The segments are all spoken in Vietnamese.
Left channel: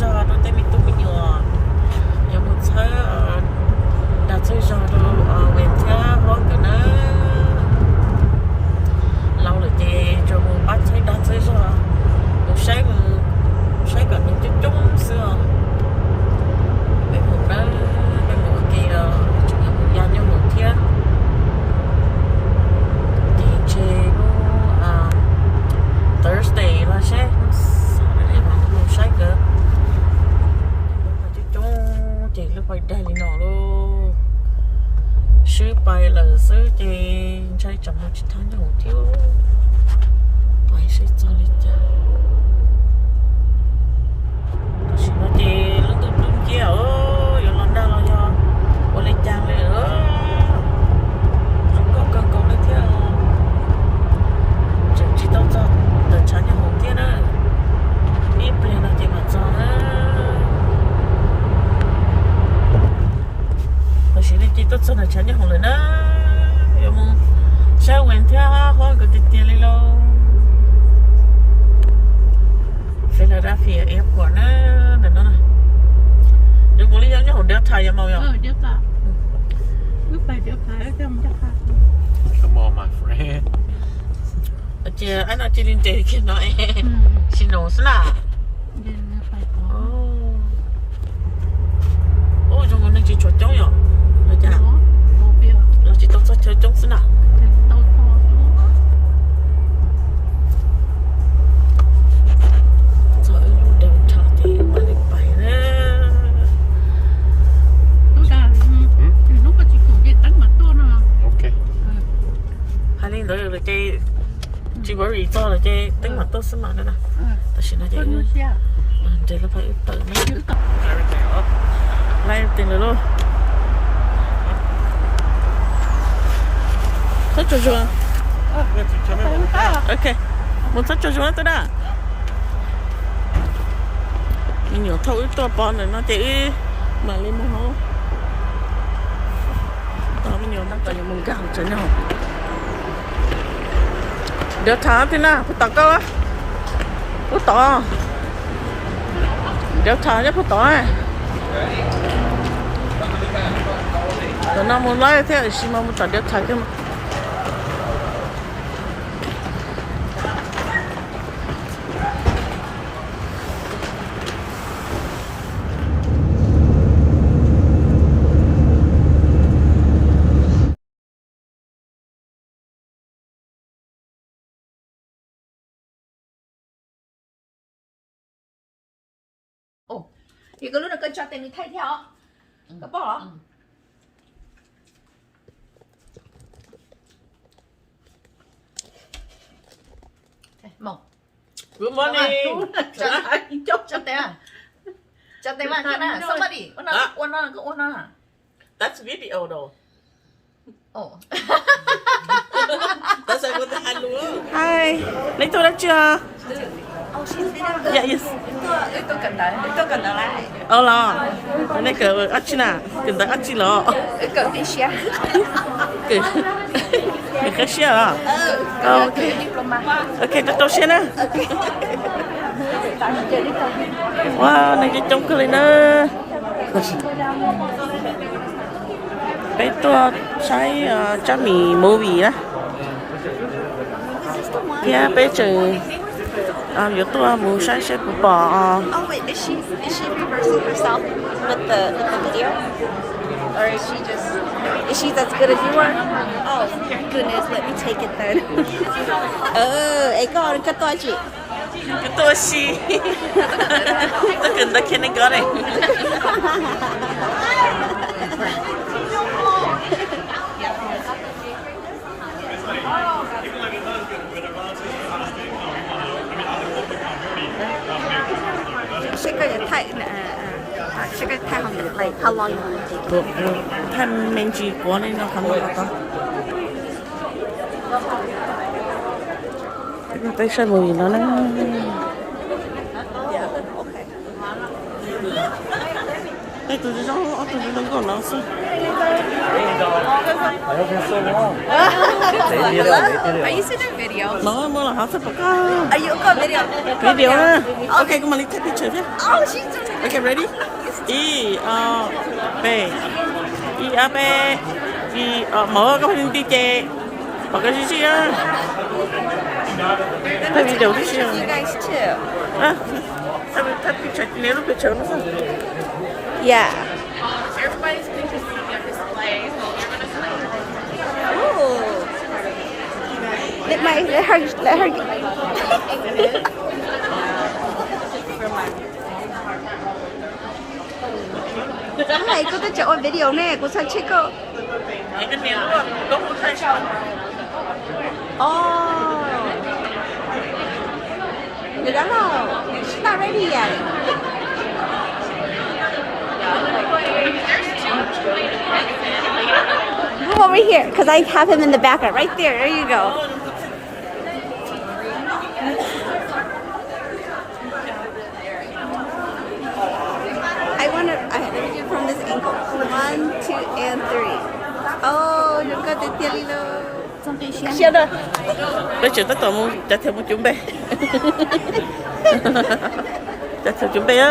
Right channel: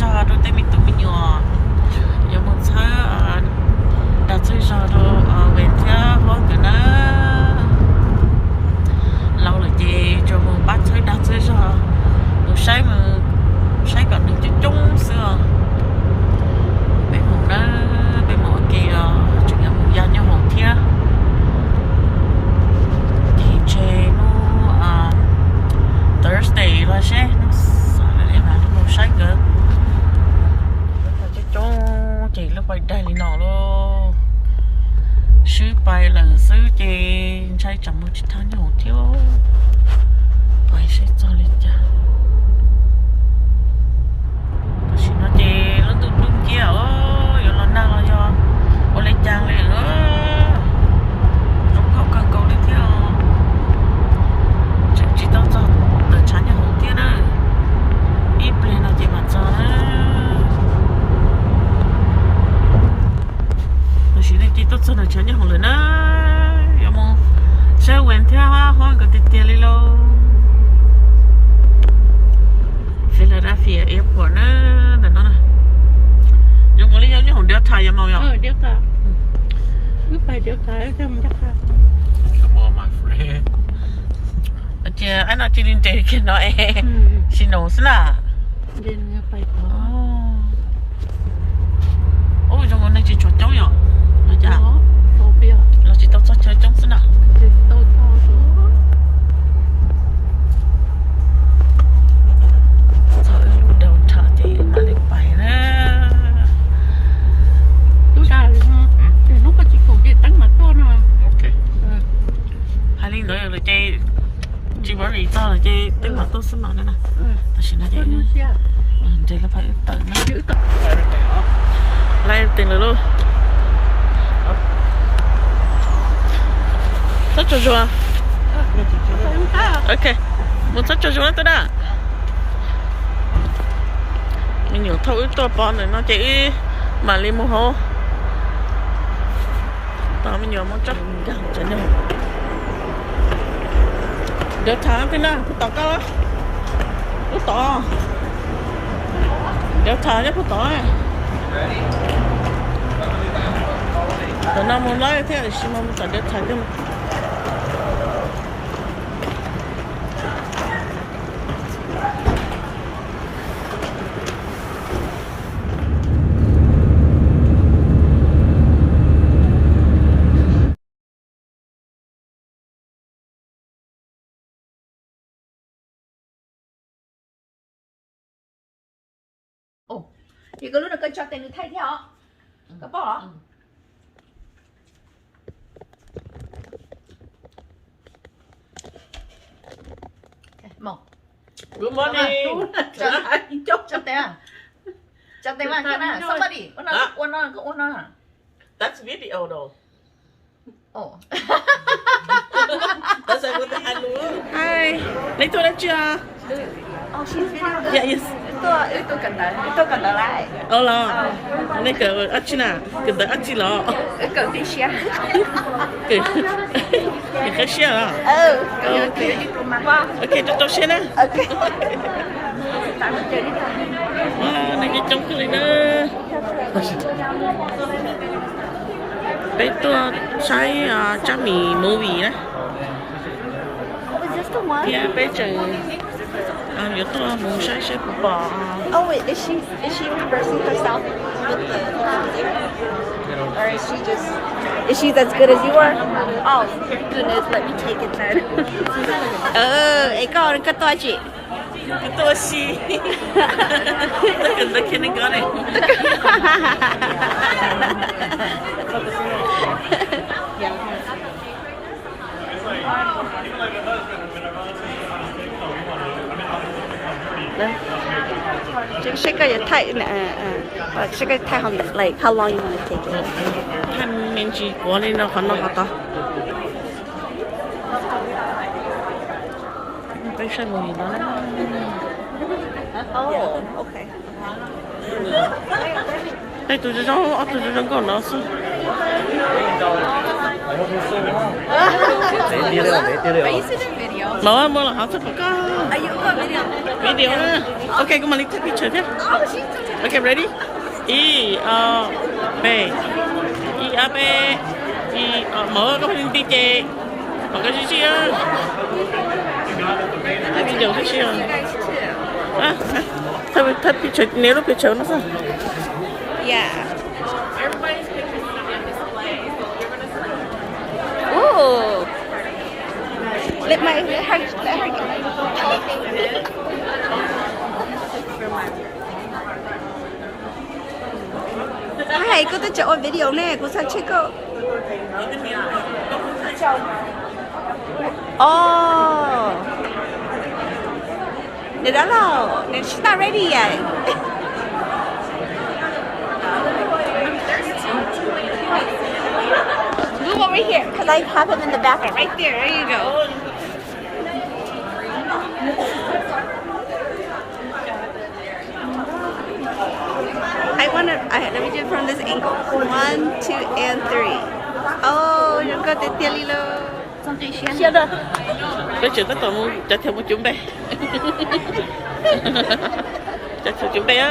giờ đôi tay mình tụi mình nhỏ giờ một giờ đặt chơi giờ đồ về theo hoang cả nó lâu rồi chị cho một bát chơi đặt chơi giờ một sáng mà sáng còn được chút chung xưa bên một đó bên một kia chủ nhà một gia nhau hồng thia thì chơi nó Thursday là sẽ nó sao lại để mà nó sáng cơ lúc mà chơi chung chị lúc bay đây thì nó luôn sư bay là sư chị chơi chậm một chút tháng nhau hồng thiếu bay sẽ cho lên cha chỉ nó chè nó tung tung kia ơi giờ lần nào là do có lấy trang lại nữa nó có cần cầu lấy theo chỉ tao cho đợt chán nhà hồng kia nữa ít lên nó chỉ mà cho nó và chỉ là chỉ tao cho đợt chán nhà hồng lên nữa giờ mong sẽ quen theo hoa cái tiền lên lo Philadelphia airport nữa để nó này dùng cái lý do như hồn đeo thai màu nhở đeo thai lúc phải đeo thai cái mình chắc khác Come on, my friend. chị anh nói chị liên hệ cái nói xin lỗi xin à nên phải có ôi trong cái này chị chuột trống nhở là chả tôi biết là chị tao chơi trống xin à tôi mà lên bài đó lúc ra thì lúc có chị cũng đi tăng mặt tôi nè Okay. hai linh nữa rồi chị bởi vì cho rồi chị đánh mặt tôi xin mặt nữa nè ta xin là chị đây là phải tự nó chữ tự lại tiền rồi luôn rất cho chua ok muốn rất cho chua tới đó mình nhiều thâu ít to bón rồi nó chỉ mà lên mua hố tao mình nhiều món chắc mình gạo chân nhau đeo thả thế nào phải tao câu á phải tao đeo thả chứ phải tao tao nào muốn lấy thế thì xin mà muốn tao đeo thả chứ mà thì có lúc là cần cho tiền được thay theo có bỏ một good morning cho tiền à cho tiền mà cái nào somebody ôn nó that's video though oh that's everything I do hi lấy tôi đã chưa oh she's video dạ yes tôi cần đợi lại lo lấy cờ ăn chi nào cần tới ăn chi lo cần đi share cái cái share à ok ok tôi share nè wow này cái trống cười nữa bé tôi sai cha mì movie á kia bé chừng giờ tôi muốn sai sẽ phụ bỏ oh wait is she reversing herself with the video or is she as good as you are oh goodness let me take it then ấy con cái to chị cái tôi xí tôi cần tới khi này có này sẽ có thể thay nè sẽ có thay không được like how long you want to take thân mình chỉ có nên nó còn nó to nó tới sai mùi nó đấy đây tôi cho nó còn nó sao Are you seeing a video? More là họ sẽ có Are you got video? video nữa. Okay, come on, let's take picture chứ. Oh, she's Okay, ready? I A B I A B mở cái hình tí chè mở cái gì á cái video tí xíu guys too. à thay picture nếu nó picture nó sao Yeah. Everybody's pictures gonna be on display, so you're gonna see. Ooh. Let her. Hi, cô tới chỗ video nè, cô sang check cô. cái này nó có một thay sao Oh. Nè đó là, she's not ready yet. Move over here, because I have him in the background. Right there. There you go. Let me do it from this angle. 1, 2, and 3. Oh, đừng có tiền tiền lilo. Xem rồi. bây giờ tất cả muốn trả theo một chuẩn bị trả theo chuẩn bị á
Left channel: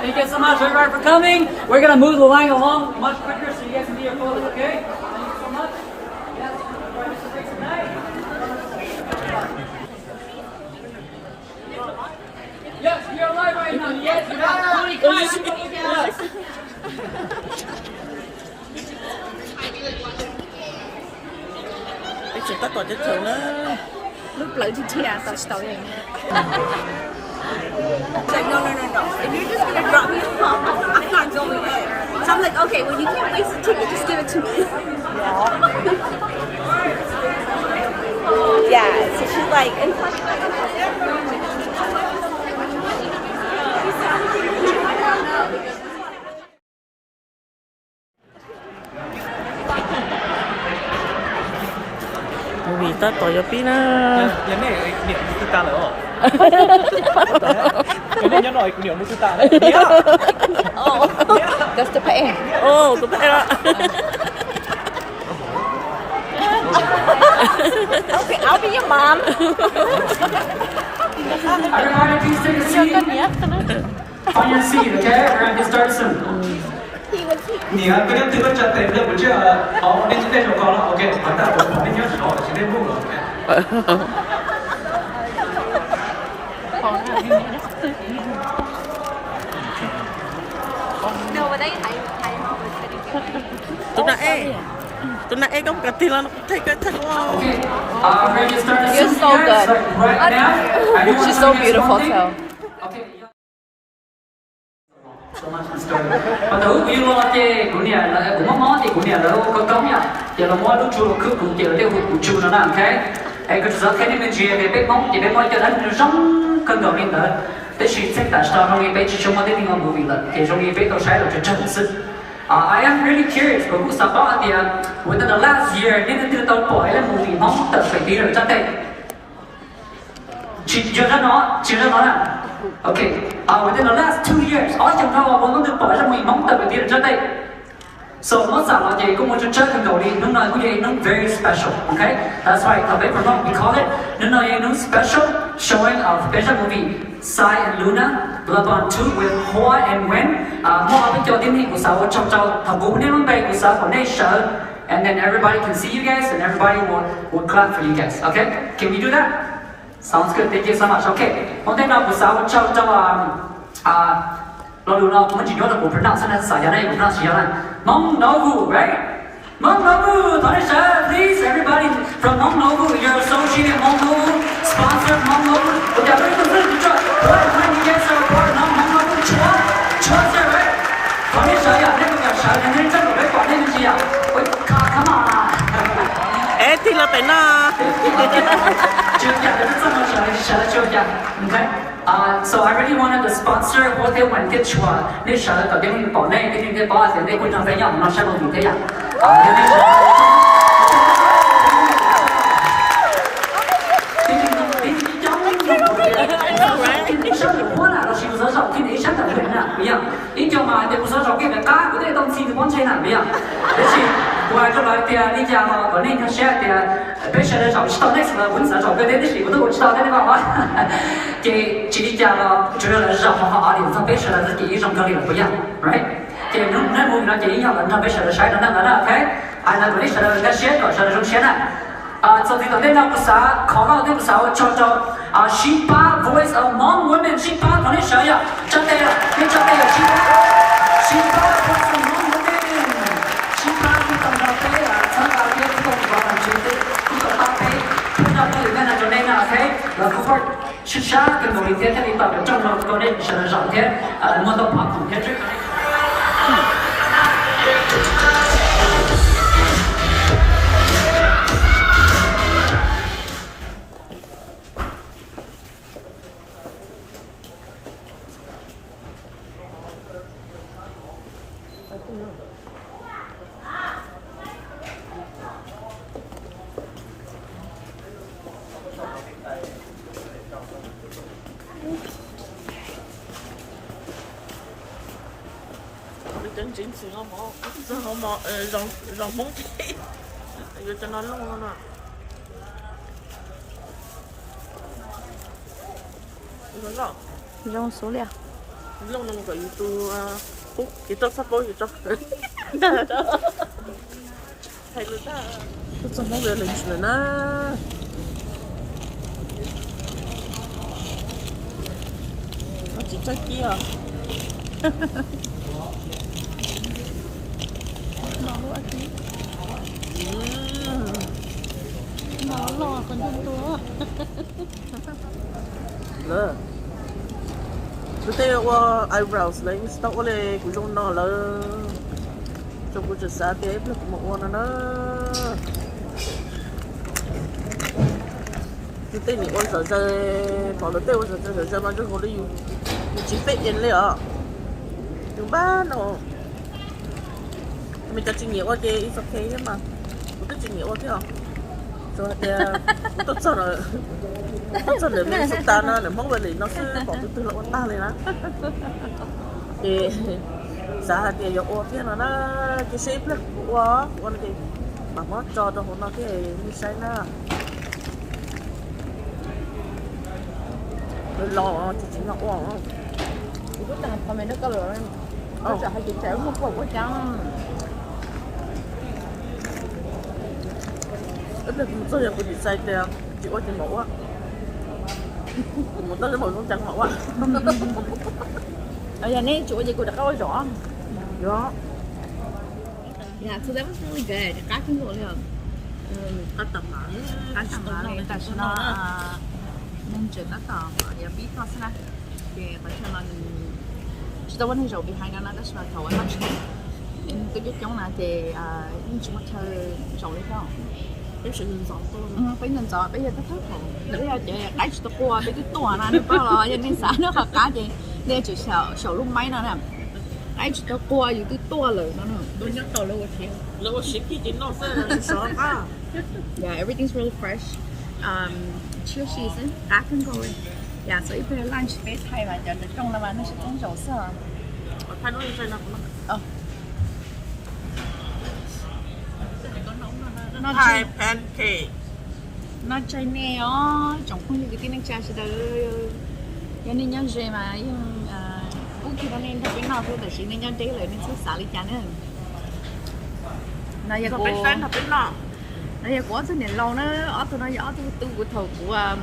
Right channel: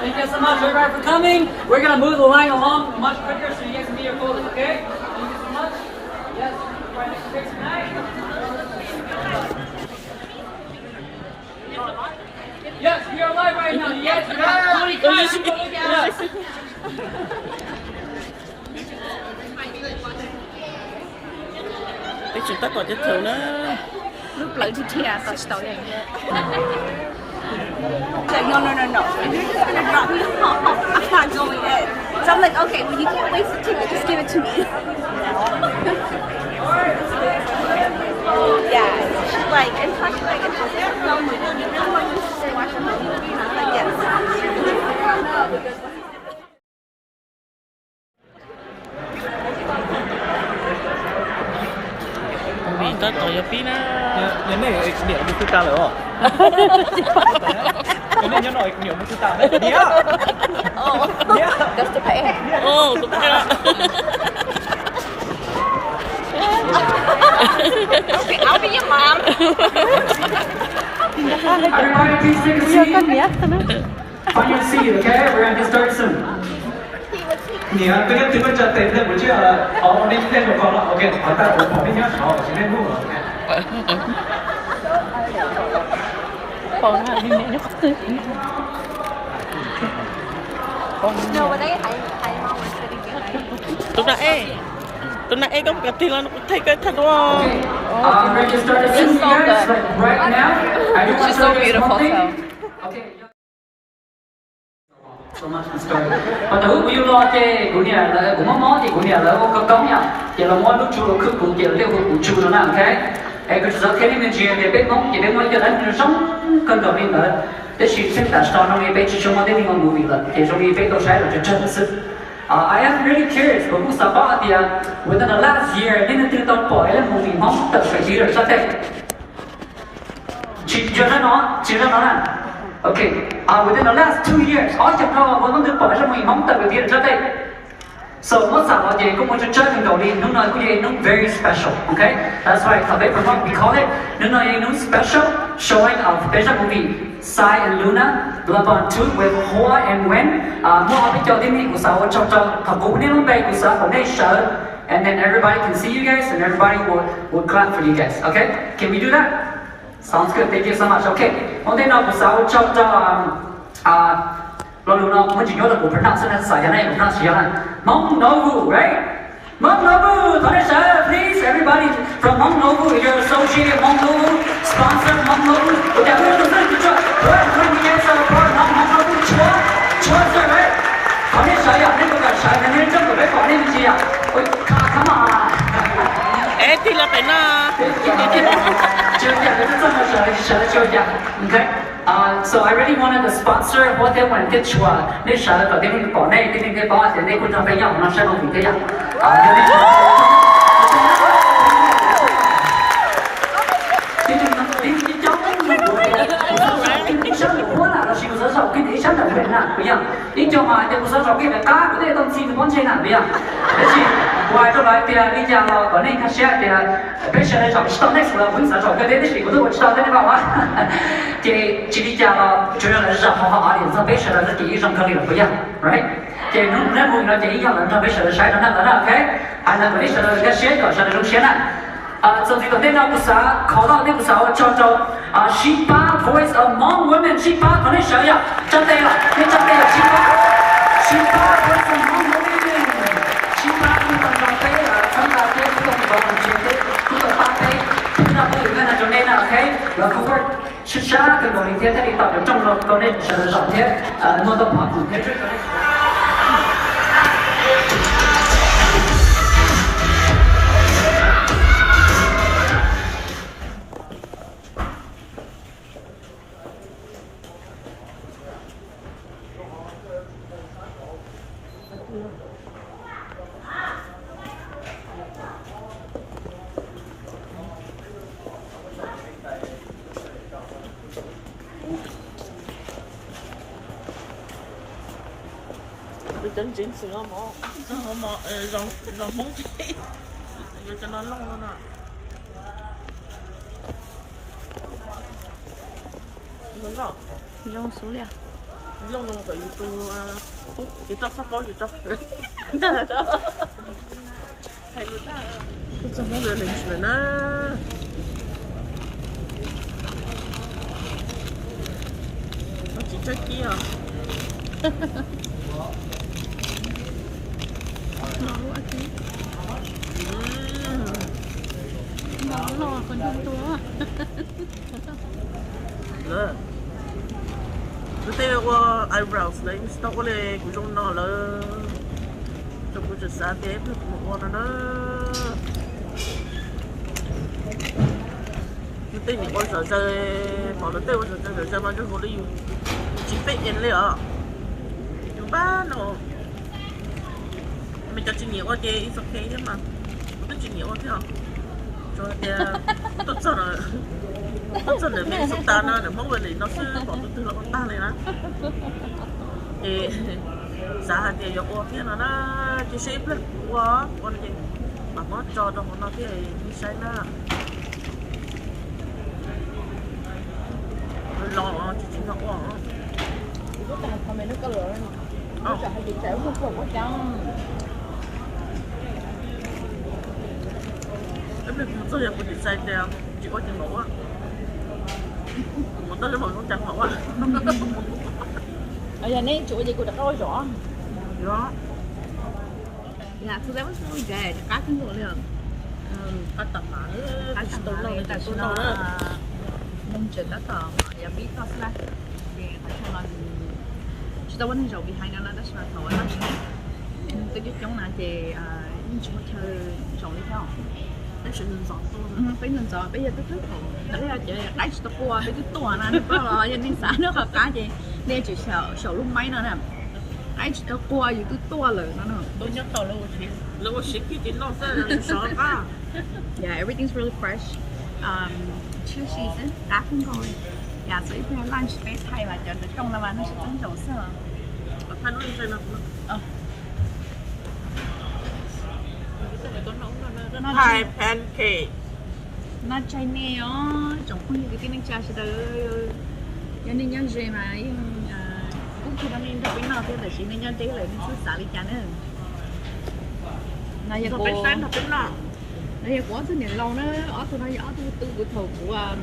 Thank you so much, everyone, for coming. We're going to move the line along much quicker so you guys can get your photos, okay? Thank you so much. Yes, right next to Chris tonight. Yes, you're alive right now. Yes, you have 20 clients. Look at us. bây giờ tất cả cái thường nó Lúc lợi thì thìa, tao story. Like, no. If you're just gonna drop me off, I'm not going in. So I'm like, okay, well, you can't waste the ticket, just give it to me. Yeah, so she's like, and plus, vì ta tỏi cho pí nó nhớ này niệm một chút ta nữa nhớ này nhớ rồi niệm một chút ta đấy that's the pay. ô tôi phải đó Okay, I'll be your mom. Everybody, please take a seat. Find your seat, okay? We're going to start soon. nè cái điểm thứ nhất chặt tiền lên một chiếc họ đi trên trong con là ok phải ta cũng phải đi nhá họ chỉ nên mua tụi nãy có một cái tiền là nó thấy cái thật quá We're going to start the scene here right now. I just want to show you guys one thing. Okay. So much in story. Mà thử của lo chê của nhà là của món món thì của nhà là có cống nhá. Giờ là mua lúc chu là cứ cũng chỉ là tiêu của chu nó nào thế. Ai cứ sợ thế nên chia thì biết món chỉ biết mua cho anh sống cơn đầu đi nữa. Thế chỉ biết tại sao nó đi biết chỉ trong một cái ngon movie là thì trong đi biết đâu sai là chân sự. I am really curious. Của cô Sabah thì within the last year nên từ tàu bỏ là movie mong tự phải đi được sao thế? Chỉ cho nó là okay. Within the last 2 years, all you know about the boys are mong tập về tiền cho đây. So most of what they cũng muốn chơi trong đầu đi, nó nói cũng vậy, nó very special, okay? That's why ở bên Việt we call it, nó nói nó special showing of special movie Sai and Luna, Love on 2 with Hoa and Wen. More bên cho tiếng của sao cho thằng cũng nên bên của sao của này show, and then everybody can see you guys and everybody will clap for you guys, okay? Can we do that? Sounds good. Thank you so much. Okay. Hôm nay nó của sao cho lo luôn nó mới chỉ nhớ được của Việt Nam nên xảy ra đây của nó chỉ là Mong Novu, right? Mong Novu, thôi sir, please everybody from Mong Novu, you're associated Mong Novu, sponsored Mong Novu. Okay, we're going to try. When we get our part, Mong Novu, chua, sir, right? Thôi sir, yeah, nên cái sir, nên trong cái quả nên gì à? Ôi, come on. thì là phải na Okay. So I really wanted to sponsor what they want to do. Nên sợ có cái bỏ này cái bỏ thì đây cũng chẳng phải nhỏng nó sẽ không bị thế dạng. I know, right? 生活啦，是不是少给你想的会呐？不一样，你叫嘛，你不是少给的家，不得东西就帮钱呐，不一样。而且我就来的，你家咯，可能他写的，别写的找知道 next 了，文字找个的那些，我都我知道的你爸爸。给你家咯，觉得是好好啊，脸色别写的是第一种可能不一样 ，right？ 给侬那么呢，给你样人他别写的晒的那个那 ，OK？ 啊，那个你写的个写的，写的种写的。做这个电脑不少，考到的不少，叫做十八 Voice Among Women， 18可能想呀，真的呀，你真的呀，18 Voice Among Women， 18不能让对呀，从大天不能绝对，不能发配，不能不有那个那个 OK， 然后会去杀，跟我明天这里到底中了高呢，是的上天，摸到跑步天这个。chân chính sự ngon mỏ rong móng rồi cho nó lông luôn à rồi rong số liệu lông nó cái tu cái tóc sắp bó gì tóc tóc sắp bó rồi lên rồi na nó chỉ trái kia nấu ăn tí nấu lo còn trong túi nè tôi thấy qua eyebrows lấy tóc qua đây cũng trong nó là trong cái chuyện xa tiếp là một con nó tôi thấy mình quan sợ chơi bỏ nó tiêu sợ chơi mà chúng tôi đi chỉ biết nhìn lấy à chúng ba nó mình cho chuyện nhiều quá thì it's okay chứ mà không biết chuyện nhiều quá thế hả rồi thì tốt sợ là mình sống ta nó để mong về nó sẽ bỏ từ từ là con ta này đó thì giá thì yêu quá thế nó cái shape là quá con thì mà nó cho nó cái như sai na lo chỉ ngọc quá lúc nào còn mình nó có rồi nó chả hay bị chảy không có quá trắng cái tôi giờ cũng bị sai tiền chỉ có tiền mẫu á một tấn mẫu không chẳng mẫu á ở nhà này chỗ gì cũng đã có rõ đó yeah so that was really good cá kinh rồi nè ăn tầm mà ăn tầm mà người ta nó nên chuyện đó tao giờ biết có sao thì phải theo mình chúng ta vẫn rồi bị hai nó that's not how I much tôi giúp chống lại thì những chuyện mà rồi đi theo cái sự lựa chọn tôi phải nên chọn bây giờ tôi thích không để là chị đáy tôi qua tôi cái tua này nó rồi cho nên sáng nó học cá gì để chỉ sợ lúc mấy nó nè đáy tôi qua thì tôi tua lời nó nữa lâu xí cái nó sẽ là sợ à yeah everything's really fresh chưa season cá không rồi yeah so if you have lunch space hay mà chọn được trong là nó sẽ trống trầu sơ thay nó sai nào Thai pancake nó chơi nè trong không như cái này cha sẽ được cho nên nhớ gì mà cũng khi nó nên thay nó thôiแต่ chỉ nên nhớ đấy lại nên xuất xả đi chán nữa này giờ nó bên fan nó bên nọ này giờ có thứ này lâu nó ở tôi nói rõ tôi của thầu của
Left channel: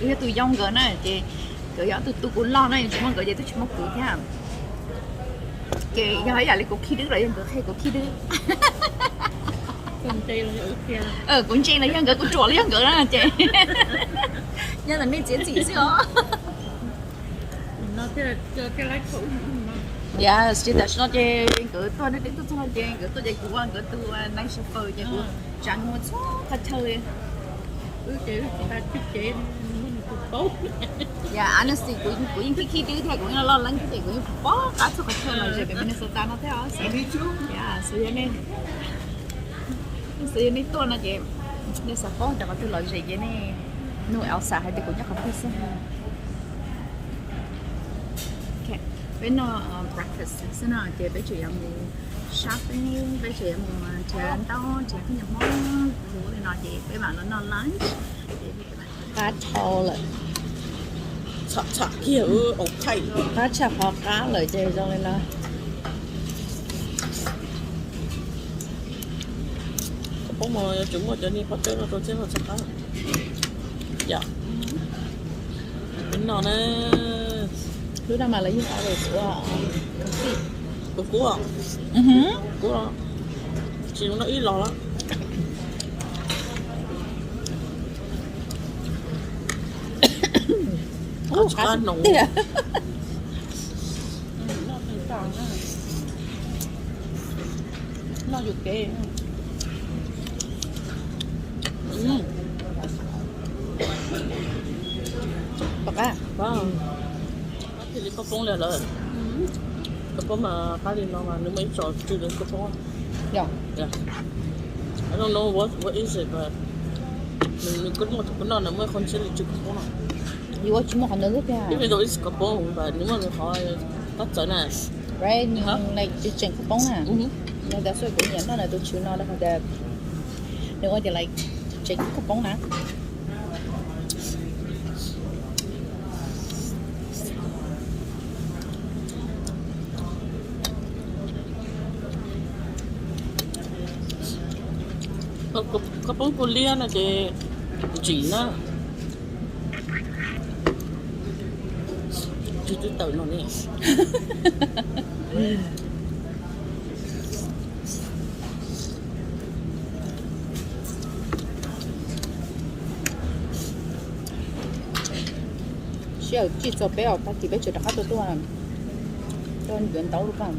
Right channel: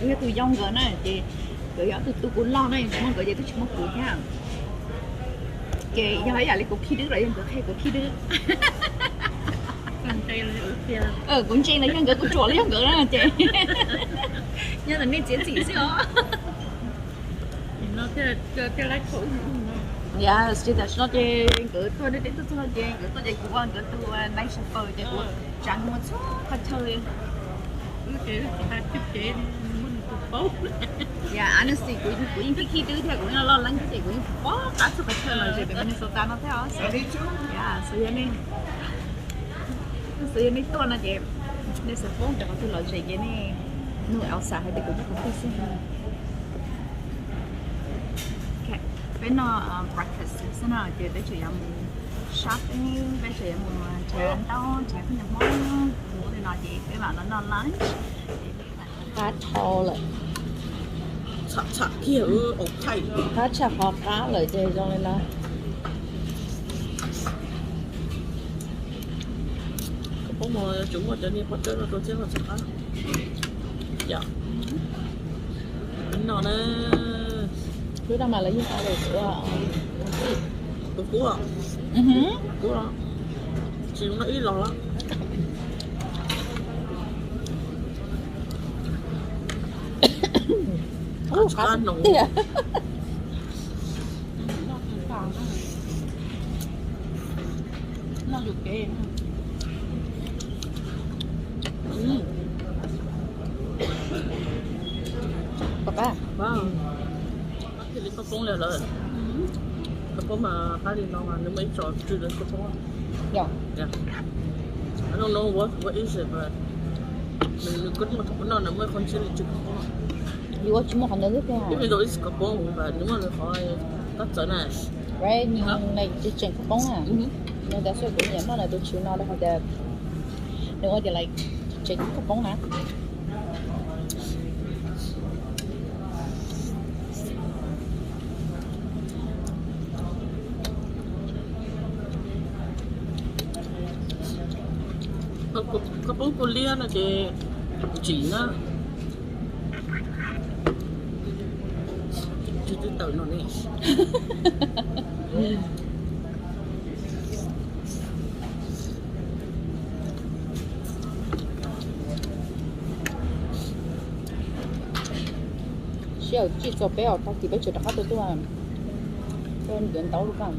cái tôi dòng gỡ này thì cái rõ tôi cũng lo này chúng nó gỡ vậy tôi chúng nó cười nha cái giờ ấy là lấy cổ khi đứa rồi gỡ hay cổ khi đứa cũng chơi là yang gỡ cũng trộn là yang gỡ đó chị nhưng là nên diễn gì xíu nó cái lái khẩu yes chỉ là nó chơi gỡ tôi đến tôi chơi gỡ tôi chơi của anh gỡ tôi night shopper chơi của chẳng một số có chơi cái ta chụp chế mình cũng tốt yeah honestly của những cái khi đứa theo của nó lo lắng cái gì của những quá cả số có chơi là rồi để Minnesota nó theo yeah so nên sự này tôi là chị để sản phẩm cho tôi lợi gì vậy này nuôi ảo xả hay thì cũng chắc không biết xem bên nó breakfast thế nào chị bây giờ em shopping bây giờ em chị ăn tao chị không nhận món bố thì nói chị với bạn nó lunch cá trâu lại ฉะเขียวอกไข่ cá chả khó cá lời chơi trong này là ก็พวกมันจุ่มว่าจะนี่พอเจอเราตัวเจ้าเราจะฆ่าอย่าเป็นนอนนะ cứ đang mà lấy như thế của tôi cua cua chỉ nó ít lò lắm cá nồng nó được kì Papa vâng thì đi có phong rồi có phong mà cá đi nó mà nếu mấy trò chưa đến có phong yeah yeah I don't know what is it but mình cứ một cái nó mới con sẽ chụp phong 이거 주먹 안 넣을 거야 even though it's có phong và nếu mà mình hỏi tất cả này right nhưng này tôi chỉnh cái bóng à nhưng đã suy nghĩ nó là tôi chịu nó là phải đẹp nếu mà like chỉnh cái bóng nè có phong cô lia là cái chỉ nó chỉ tự nó nè需要记做表，他基本就打到多少，就人到了干。